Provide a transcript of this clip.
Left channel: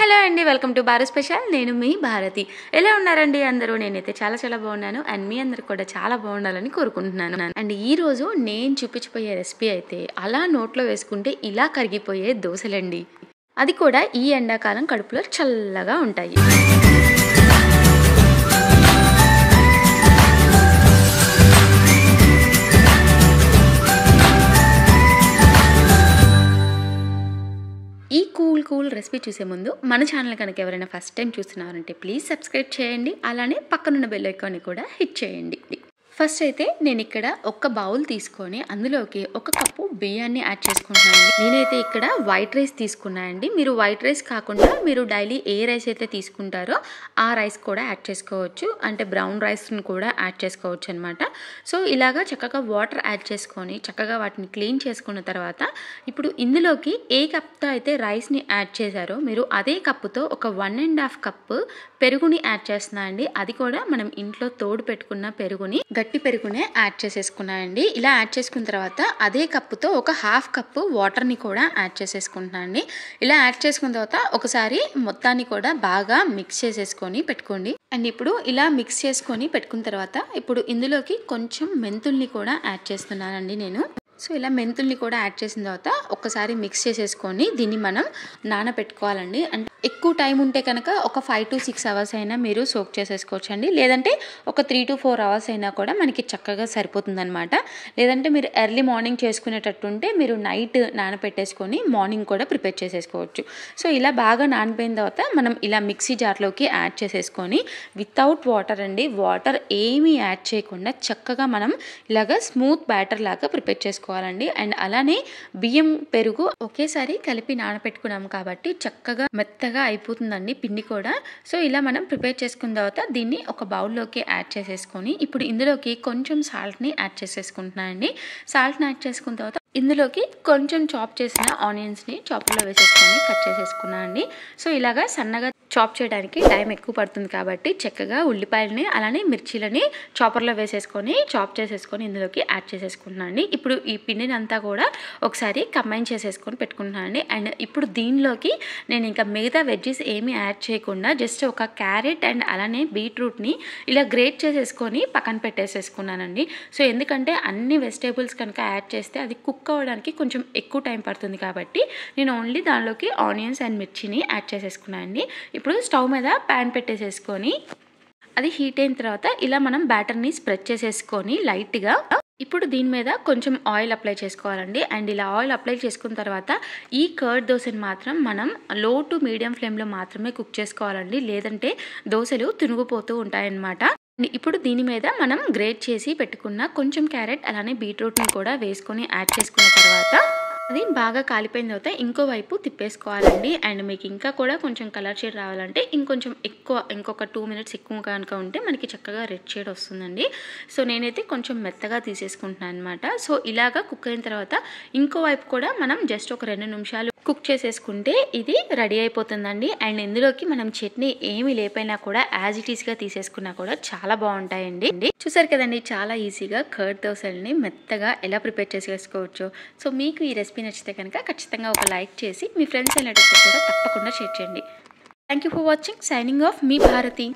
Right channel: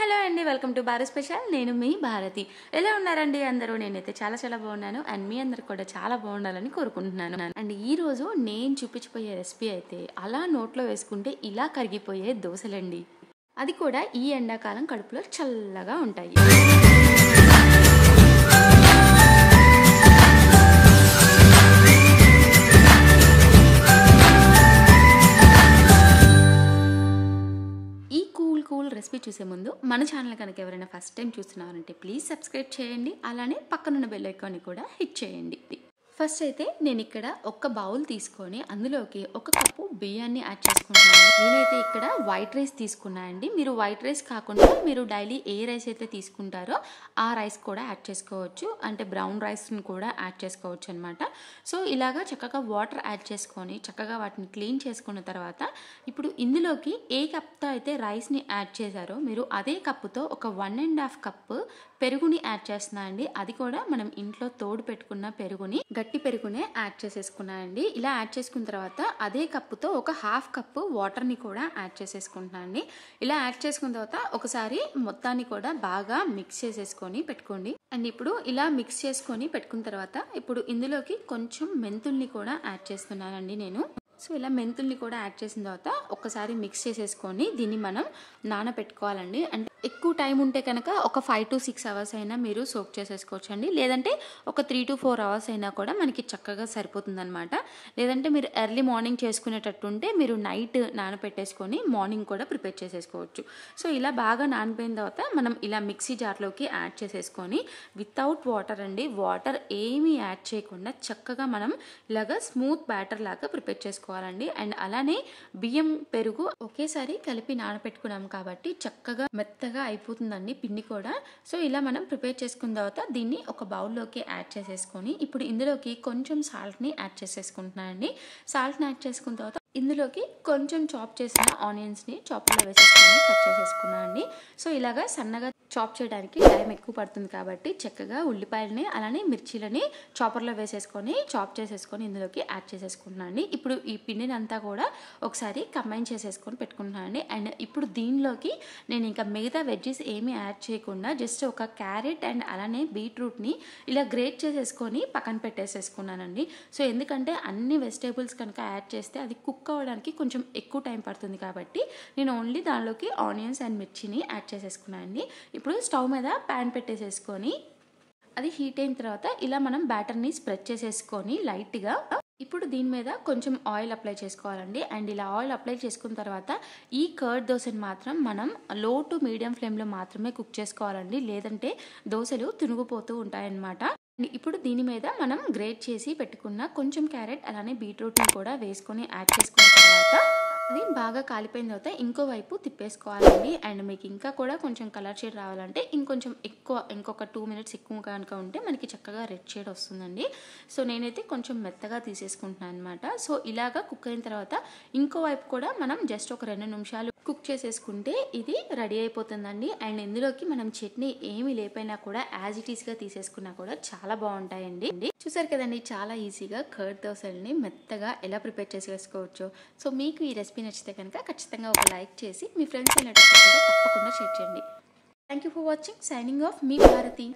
Hello అండి, welcome to Bharat special. నేను మీ భారతి. ఎలా ఉన్నారండి అందరూ? నేనైతే చాలా చాలా బాగున్నాను అండ్ మీ అందరు కూడా చాలా బాగుండాలని కోరుకుంటున్నాను. అండ్ ఈ రోజు నేను చూపించిపోయే రెసిపీ అయితే అలా నోట్లో వేసుకుంటే ఇలా కరిగిపోయే దోశలండి. అది కూడా ఈ ఎండాకాలం కడుపులో చల్లగా ఉంటాయి. ఈ కూల్ రెసిపీ చూసే ముందు మన ఛానల్ కనుక ఎవరైనా ఫస్ట్ టైం చూస్తున్నారంటే ప్లీజ్ సబ్స్క్రైబ్ చేయండి. అలానే పక్కనున్న బెల్ ఐకాన్ని కూడా హిట్ చేయండి. ఫస్ట్ అయితే నేను ఇక్కడ ఒక బౌల్ తీసుకొని అందులోకి ఒక కప్పు బియ్యాన్ని యాడ్ చేసుకుంటున్నాను. నేనైతే ఇక్కడ వైట్ రైస్ తీసుకున్నాను అండి. మీరు వైట్ రైస్ కాకుండా మీరు డైలీ ఏ రైస్ అయితే తీసుకుంటారో ఆ రైస్ కూడా యాడ్ చేసుకోవచ్చు. అంటే బ్రౌన్ రైస్ని కూడా యాడ్ చేసుకోవచ్చు అనమాట. సో ఇలాగా చక్కగా వాటర్ యాడ్ చేసుకొని చక్కగా వాటిని క్లీన్ చేసుకున్న తర్వాత ఇప్పుడు ఇందులోకి ఏ కప్తో అయితే రైస్ని యాడ్ చేశారో మీరు అదే కప్పుతో ఒక 1.5 కప్పు పెరుగుని యాడ్ చేస్తున్నా అండి. అది కూడా మనం ఇంట్లో తోడు పెట్టుకున్న పెరుగుని, గట్టి పెరుగునే యాడ్ చేసేసుకున్నానండి. ఇలా యాడ్ చేసుకున్న తర్వాత అదే కప్పుతో ఒక 1/2 కప్పు వాటర్ని కూడా యాడ్ చేసేసుకుంటున్నాను అండి. ఇలా యాడ్ చేసుకున్న తర్వాత ఒకసారి మొత్తాన్ని కూడా బాగా మిక్స్ చేసేసుకొని పెట్టుకోండి. అండ్ ఇప్పుడు ఇలా మిక్స్ చేసుకొని పెట్టుకున్న తర్వాత ఇప్పుడు ఇందులోకి కొంచెం మెంతుల్ని కూడా యాడ్ చేస్తున్నానండి నేను. సో ఇలా మెంతుల్ని కూడా యాడ్ చేసిన తర్వాత ఒక్కసారి మిక్స్ చేసేసుకొని దీన్ని మనం నానబెట్టుకోవాలండి. అంటే ఎక్కువ టైం ఉంటే కనుక ఒక 5 to 6 అవర్స్ అయినా మీరు సోక్ చేసేసుకోవచ్చు అండి. లేదంటే ఒక 3 to 4 అవర్స్ అయినా కూడా మనకి చక్కగా సరిపోతుంది అనమాట. లేదంటే మీరు ఎర్లీ మార్నింగ్ చేసుకునేటట్టు ఉంటే మీరు నైట్ నానబెట్టేసుకొని మార్నింగ్ కూడా ప్రిపేర్ చేసేసుకోవచ్చు. సో ఇలా బాగా నానిపోయిన తర్వాత మనం ఇలా మిక్సీ జార్లోకి యాడ్ చేసేసుకొని వితౌట్ వాటర్ అండి, వాటర్ ఏమీ యాడ్ చేయకుండా చక్కగా మనం ఇలాగ స్మూత్ బ్యాటర్ లాగా ప్రిపేర్ చేసుకోవాలండి. అండ్ అలానే బియ్యం పెరుగు ఒకేసారి కలిపి నానబెట్టుకున్నాం కాబట్టి చక్కగా మెత్తగా అయిపోతుందండి పిండి కూడా. సో ఇలా మనం ప్రిపేర్ చేసుకున్న తర్వాత దీన్ని ఒక బౌల్లోకి యాడ్ చేసేసుకొని ఇప్పుడు ఇందులోకి కొంచెం సాల్ట్ని యాడ్ చేసేసుకుంటున్నాను అండి. సాల్ట్ని యాడ్ చేసుకున్న తర్వాత ఇందులోకి కొంచెం చాప్ చేసిన ఆనియన్స్ని చాపర్లో వేసేసుకొని కట్ చేసేసుకున్నాను అండి. సో ఇలాగా సన్నగా చాప్ చేయడానికి టైం ఎక్కువ పడుతుంది కాబట్టి చక్కగా ఉల్లిపాయలని అలానే మిర్చీలని చాపర్లో వేసేసుకొని చాప్ చేసేసుకొని ఇందులోకి యాడ్ చేసేసుకుంటున్నాను అండి. ఇప్పుడు ఈ పిండిని అంతా కూడా ఒకసారి కంబైన్ చేసేసుకొని పెట్టుకుంటున్నాను అండి. అండ్ ఇప్పుడు దీనిలోకి నేను ఇంకా మిగతా వెజ్జెస్ ఏమీ యాడ్ చేయకుండా జస్ట్ ఒక క్యారెట్ అండ్ అలానే బీట్రూట్ని ఇలా గ్రేట్ చేసేసుకొని పక్కన పెట్టేసేసుకున్నానండి. సో ఎందుకంటే అన్ని వెజిటేబుల్స్ కనుక యాడ్ చేస్తే అది కుక్ అవ్వడానికి కొంచెం ఎక్కువ టైం పడుతుంది కాబట్టి నేను ఓన్లీ దానిలోకి ఆనియన్స్ అండ్ మిర్చిని యాడ్ చేసేసుకున్నాను అండి. ఇప్పుడు స్టవ్ మీద ప్యాన్ పెట్టేసేసుకొని అది హీట్ అయిన తర్వాత ఇలా మనం బ్యాటర్ని స్ప్రెడ్ చేసేసుకొని లైట్గా ఇప్పుడు దీని మీద కొంచెం ఆయిల్ అప్లై చేసుకోవాలండి. అండ్ ఇలా ఆయిల్ అప్లై చేసుకున్న తర్వాత ఈ కర్డ్ దోశని మాత్రం మనం లో టు మీడియం ఫ్లేమ్లో మాత్రమే కుక్ చేసుకోవాలండి. లేదంటే దోశలు తునిగిపోతూ ఉంటాయన్నమాట. ఇప్పుడు దీని మీద మనం గ్రేట్ చేసి పెట్టుకున్న కొంచెం క్యారెట్ అలానే బీట్రూట్ని కూడా వేసుకొని యాడ్ చేసుకున్న తర్వాత అది బాగా కాలిపోయిన తర్వాత ఇంకో వైపు తిప్పేసుకోవాలండి. అండ్ మీకు ఇంకా కూడా కొంచెం కలర్ షేడ్ రావాలంటే ఇంకొక 2 minutes ఎక్కువ కనుక ఉంటే మనకి చక్కగా రెడ్ షేడ్ వస్తుందండి. సో నేనైతే కొంచెం మెత్తగా తీసేసుకుంటున్నాను అనమాట. సో ఇలాగా కుక్ అయిన తర్వాత ఇంకో వైపు కూడా మనం జస్ట్ ఒక 2 నిమిషాలు కుక్ చేసేసుకుంటే ఇది రెడీ అయిపోతుందండి. అండ్ ఇందులోకి మనం చట్నీ ఏమి లేపైనా కూడా యాజ్ ఇట్ ఈస్గా తీసేసుకున్నా కూడా చాలా బాగుంటాయండి. చూసారు కదండి, చాలా ఈజీగా కర్డ్ దోశల్ని మెత్తగా ఎలా ప్రిపేర్ చేసేసుకోవచ్చు. సో మీకు ఈ రెసిపీ నచ్చితే కనుక ఖచ్చితంగా ఒక లైక్ చేసి మీ ఫ్రెండ్స్ రిలేటివ్స్ కూడా తప్పకుండా షేర్ చేయండి. Thank you for watching. Signing off మీ భారతి.